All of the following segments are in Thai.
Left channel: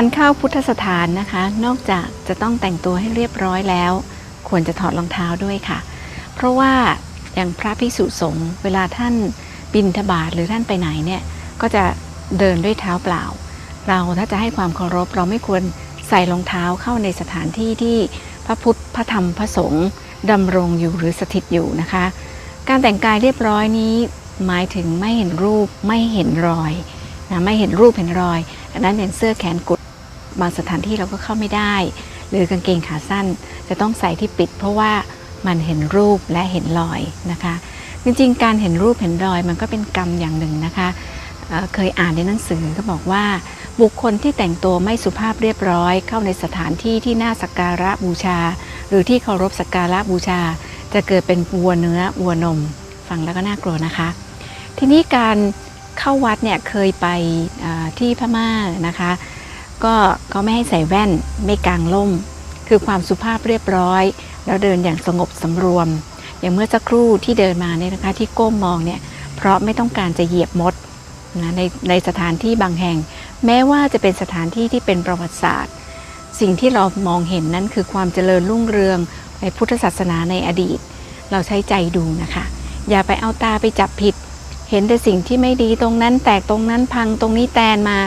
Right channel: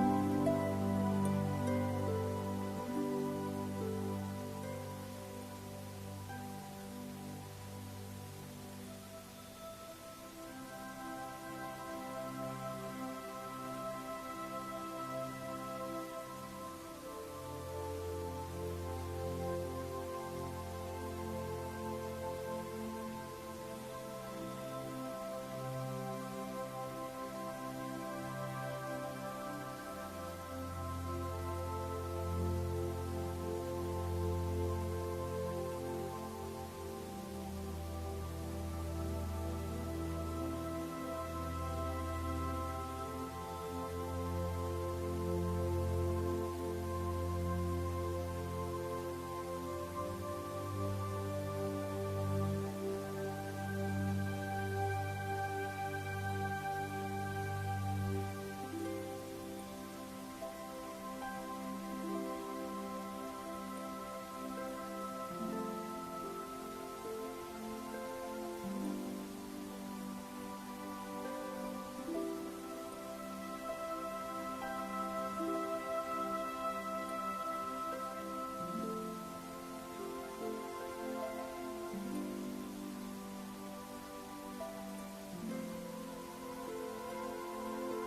การเข้าพุทธสถานนะคะ นอกจากจะต้องแต่งตัวให้เรียบร้อยแล้ว ควรจะถอดรองเท้าด้วยค่ะ เพราะว่าอย่างพระภิกษุสงฆ์เวลาท่านบินทบาทหรือท่านไปไหนเนี่ยก็จะเดินด้วยเท้าเปล่า เราถ้าจะให้ความเคารพเราไม่ควรใส่รองเท้าเข้าในสถานที่ที่พระพุทธพระธรรมพระสงฆ์ดำรงอยู่หรือสถิตอยู่นะคะ การแต่งกายเรียบร้อยนี้หมายถึงไม่เห็นรูปไม่เห็นรอยนะไม่เห็นรูปเห็นรอยดังนั้นเห็นเสื้อแขนกุด บางสถานที่เราก็เข้าไม่ได้ หรือกางเกงขาสั้น จะต้องใส่ที่ปิด เพราะว่ามันเห็นรูปและเห็นรอยนะคะ จริงๆ การเห็นรูปเห็นรอยมันก็เป็นกรรมอย่างหนึ่งนะคะเเคยอ่านในหนังสือก็บอกว่า บุคคลที่แต่งตัวไม่สุภาพเรียบร้อย เข้าในสถานที่ที่น่าสักการะบูชา หรือที่เคารพสักการะบูชา จะเกิดเป็นวัวเนื้อวัวนมฟังแล้วก็น่ากลัวนะคะ ทีนี้การเข้าวัดเนี่ยเคยไปที่พม่านะคะ ก็เขาไม่ให้ใส่แว่นไม่กางล่ม คือความสุภาพเรียบร้อย แล้วเดินอย่างสงบสำรวม อย่างเมื่อสักครู่ที่เดินมาเนี่ยนะคะที่ก้มมองเนี่ยเพราะไม่ต้องการจะเหยียบมดนะในในสถานที่บางแห่ง แม้ว่าจะเป็นสถานที่ที่เป็นประวัติศาสตร์ สิ่งที่เรามองเห็นนั้นคือความเจริญรุ่งเรืองในพุทธศาสนาในอดีต เราใช้ใจดูนะคะ อย่าไปเอาตาไปจับผิด เห็นแต่สิ่งที่ไม่ดีตรงนั้นแตกตรงนั้นพังตรงนี้แตนมา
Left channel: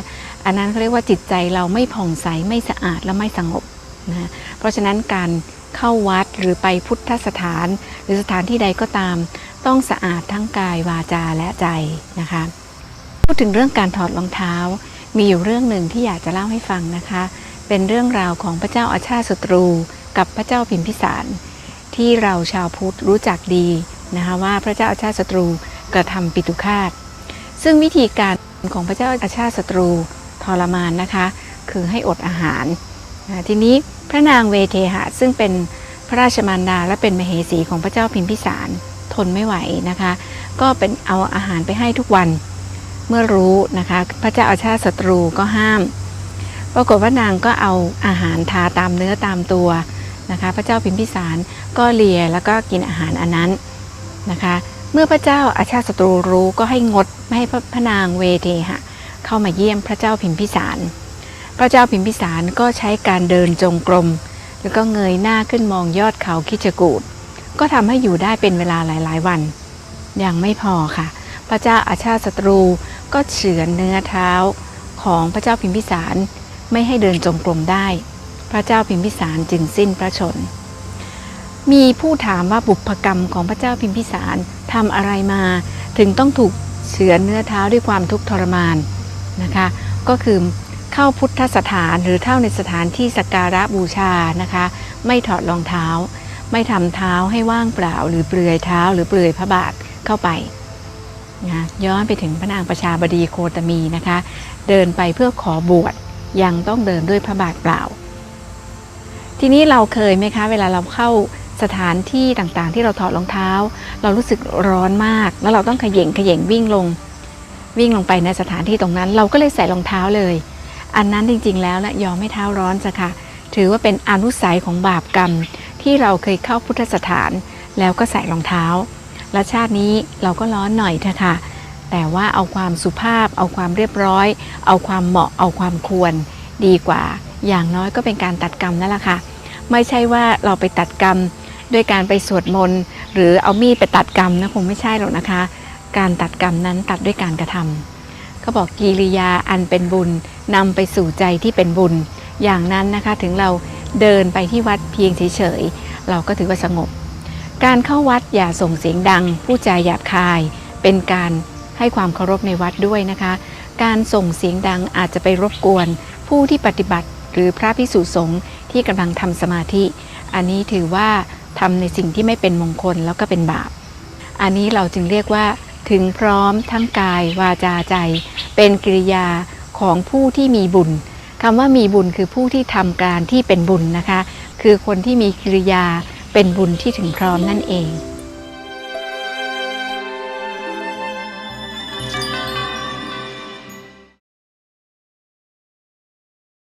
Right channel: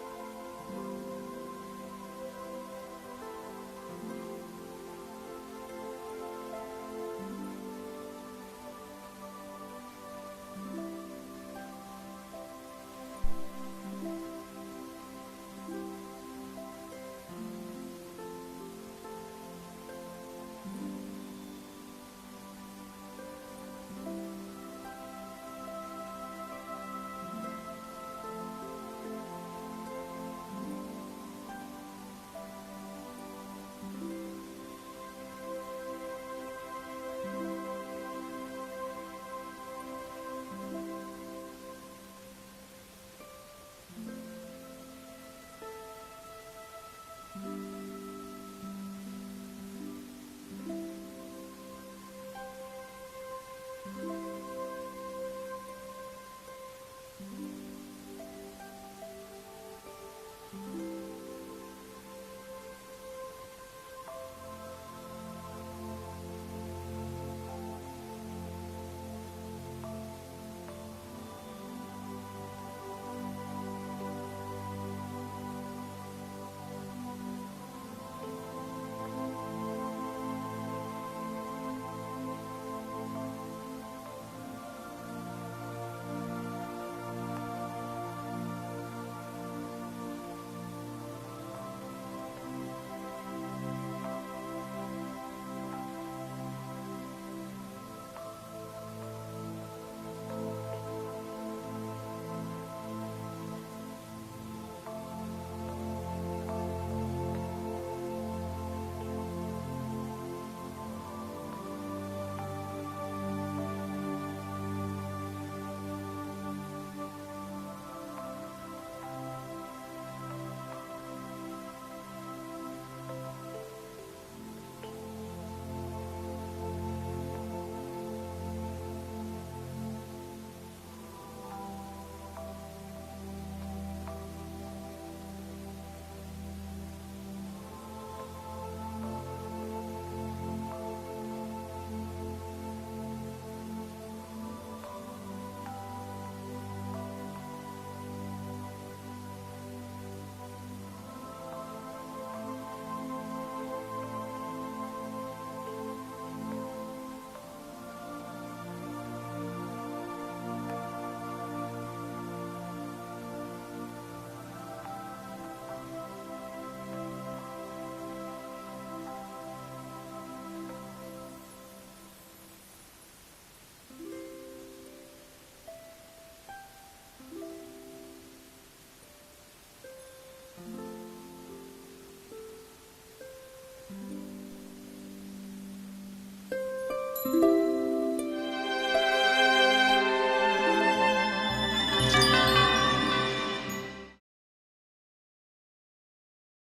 อันนั้นเขาเรียกว่าจิตใจเราไม่ผ่องใสไม่สะอาดและไม่สงบนะเพราะฉะนั้นการเข้าวัดหรือไปพุทธสถาน หรือสถานที่ใดก็ตาม ต้องสะอาดทั้งกายวาจาและใจนะคะพูดถึงเรื่องการถอดรองเท้า มีอยู่เรื่องหนึ่งที่อยากจะเล่าให้ฟังนะคะ เป็นเรื่องราวของพระเจ้าอาชาติศัตรู กับพระเจ้าพิมพิสาร ที่เราชาวพุทธรู้จักดีนะคะว่าพระเจ้าอาชาติศัตรูกระทำปิตุคาตซึ่งวิธีการของพระเจ้าอาชาติศัตรู ทรมานนะคะ คือให้อดอาหาร ทีนี้พระนางเวเทหะซึ่งเป็นพระราชมารดาและเป็นมเหสีของพระเจ้าพิมพิสารทนไม่ไหวนะคะ ก็เป็นเอาอาหารไปให้ทุกวันเมื่อรู้นะคะ พระเจ้าอาชาติศัตรูก็ห้าม ปรากฏว่านางก็เอาอาหารทาตามเนื้อตามตัวนะคะ พระเจ้าพิมพิสารก็เลียแล้วก็กินอาหารอันนั้นนะคะ เมื่อพระเจ้าอาชาติศัตรูรู้ก็ให้งดไม่ให้พระพระนางเวเทหะ เข้ามาเยี่ยมพระเจ้าพิมพิสาร พระเจ้าพิมพิสารก็ใช้การเดินจงกรม แล้วก็เงยหน้าขึ้นมองยอดเขาคิชกูดก็ทำให้อยู่ได้เป็นเวลาหลาย ๆ วัน ยังไม่พอค่ะ พระเจ้าอาชาติศัตรูก็เฉือนเนื้อเท้าของพระเจ้าพิมพิสารไม่ให้เดินจงกรมได้ พระเจ้าพิมพิสารจึงสิ้นพระชน มีผู้ถามว่าบุพกรรมของพระเจ้าพิมพิสารทำอะไรมา ถึงต้องถูกเฉือนเนื้อเท้าด้วยความทุกข์ทรมาน นะคะ ก็คือเข้าพุทธสถานหรือเข้าในสถานที่สักการะบูชานะคะ ไม่ถอดรองเท้า ไม่ทำเท้าให้ว่างเปล่า หรือเปลือยเท้า หรือเปลือยพระบาทเข้าไปนะย้อนไปถึงพระนางประชาบดีโคตมีนะคะ เดินไปเพื่อขอบวชยังต้องเดินด้วยพระบาทเปล่า ทีนี้เราเคยไหมคะ เวลาเราเข้าสถานที่ต่างๆ ที่เราถอดรองเท้า เรารู้สึกร้อนมาก แล้วเราต้องขย่งขย่งวิ่งลง วิ่งลงไปในสถานที่ตรงนั้น เราก็เลยใส่รองเท้าเลย อันนั้นจริง ๆ แล้วนะยอมไม่เท้าร้อนจะค่ะ ถือว่าเป็นอนุสัยของบาปกรรม ที่เราเคยเข้าพุทธสถาน แล้วก็ใส่รองเท้า และชาตินี้เราก็ร้อนหน่อยเถอะค่ะ แต่ว่าเอาความสุภาพ เอาความเรียบร้อย เอาความเหมาะ เอาความควร ดีกว่า อย่างน้อยก็เป็นการตัดกรรมนั่นแหละค่ะ ไม่ใช่ว่าเราไปตัดกรรม ด้วยการไปสวดมนต์หรือเอามีดไปตัดกรรมนะคงไม่ใช่หรอกนะคะ การตัดกรรมนั้นตัดด้วยการกระทำเขาบอกกิริยาอันเป็นบุญนำไปสู่ใจที่เป็นบุญ อย่างนั้นนะคะถึงเราเดินไปที่วัดเพียงเฉยๆเราก็ถือว่าสงบ การเข้าวัดอย่าส่งเสียงดัง ผู้ใจหยาบคาย เป็นการให้ความเคารพในวัดด้วยนะคะ การส่งเสียงดังอาจจะไปรบกวน ผู้ที่ปฏิบัติหรือพระพิสุสงฆ์ที่กำลังทำสมาธิ อันนี้ถือว่าทำในสิ่งที่ไม่เป็นมงคลแล้วก็เป็นบาป อันนี้เราจึงเรียกว่า ถึงพร้อมทั้งกายวาจาใจ เป็นกิริยาของผู้ที่มีบุญคำว่ามีบุญคือผู้ที่ทำการที่เป็นบุญนะคะ คือคนที่มีกิริยาเป็นบุญที่ถึงพร้อมนั่นเอง